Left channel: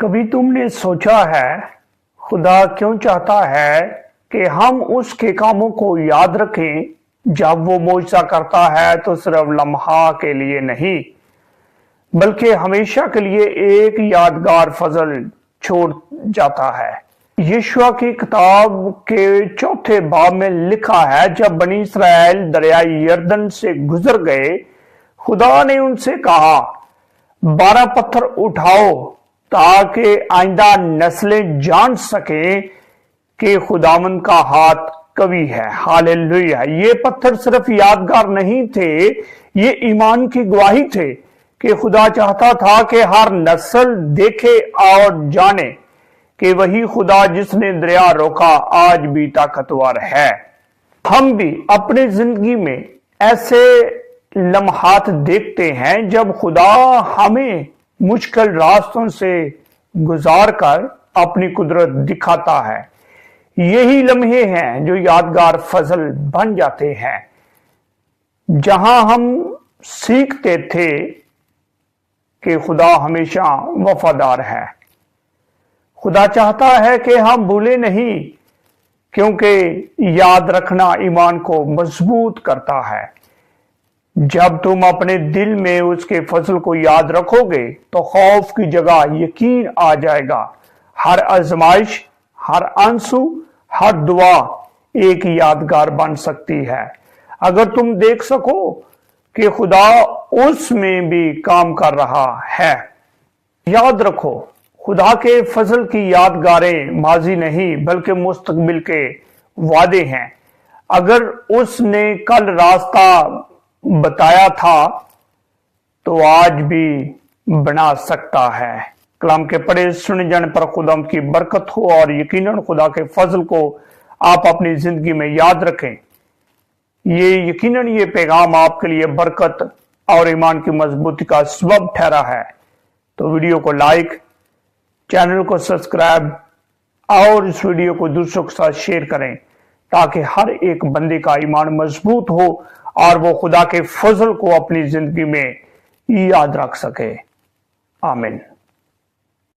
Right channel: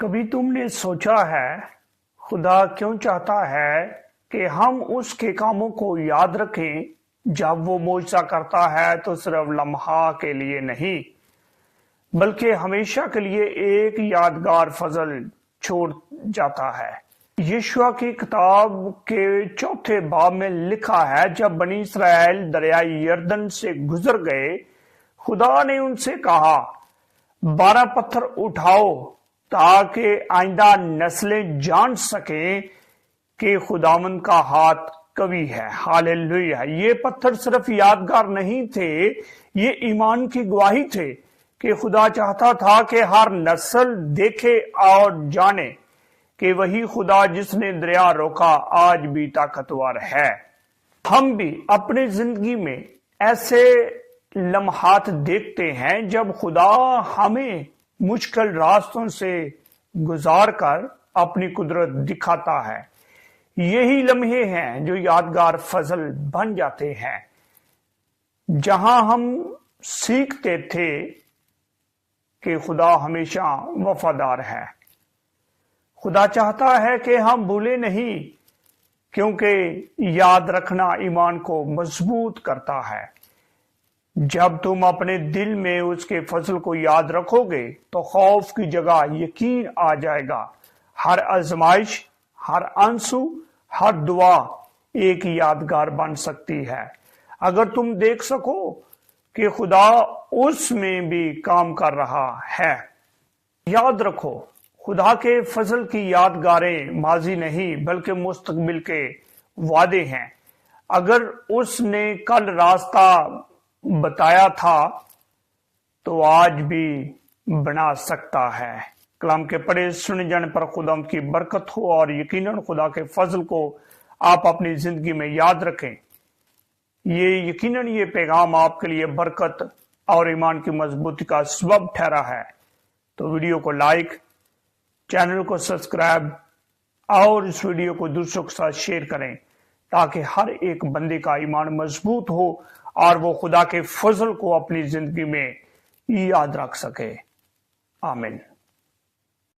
کبھی تم نے سوچا ہے خدا کیوں چاہتا ہے کہ ہم اس کے کاموں کو یاد رکھیں؟ جب وہ معجزہ کرتا ہے تو صرف لمحہ کے لیے نہیں بلکہ ہمیشہ کے لیے ایک یادگار فضل چھوڑ جاتا ہے۔ یشوع کی کتاب کے 4 باب میں لکھا ہے، جب بنی اسرائیل دریائے یردن سے گزر گئے، خدا نے ان سے کہا 12 پتھر اٹھاؤ تاکہ آئندہ نسلیں جان سکیں کہ خداوند کا ہاتھ قوی ہے۔ ہاللیلویہ! یہ پتھر صرف یادگار نہیں تھے، یہ ایمان کی گواہی تھے کہ خدا چاہتا تھا کہ ہر نسل دیکھے اور جانے کہ وہی خدا جس نے دریا روکا آج بھی طاقتور ہے۔ ہم بھی اپنی زندگی میں ایسے لمحات دیکھتے ہیں جب خدا ہمیں مشکل راستوں سے گزار کر اپنی قدرت دکھاتا ہے۔ یہی لمحے ہیں جو یادگار فضل بن جاتے ہیں، جہاں ہم سیکھتے تھے کہ خدا ہمیشہ وفادار ہے۔ خدا چاہتا ہے کہ ہم بھولے نہیں، کیونکہ یاد رکھنا ایمان کو مضبوط کرتا ہے۔ جب تم اپنے دل میں اس کے فضل کو یاد رکھو گے تو خوف کی جگہ یقین آ جائے گا۔ ہر آزمائش، ہر آنسو، ہر دعا ایک یادگار بن سکتی ہے اگر تم دیکھ سکو کہ خدا اس میں بھی کام کر رہا ہے۔ یاد رکھو، خدا کے فضل کی یادگاریں ماضی نہیں بلکہ مستقبل کے وعدے ہیں۔ اگر اس نے کل راستہ بتایا تھا تو آج بھی بنا سکتا ہے۔ کلام کے پڑھے سنے جانے پر خدا کی برکت ہو، اور یقیناً خدا کے فضل کو آپ اپنی زندگی میں یاد رکھیں۔ یقیناً یہ پیغام آپ کے لیے برکت اور ایمان کی مضبوطی کا سبب ٹھہرا ہے۔ تو ویڈیو کو لائک، چینل کو سبسکرائب اور اس ویڈیو کو دوسروں کے ساتھ شیئر کریں تاکہ ہر ایک بندے کا ایمان مضبوط ہو اور وہ خدا کے فضل کو اپنی زندگی میں یاد رکھ سکے۔ آمین۔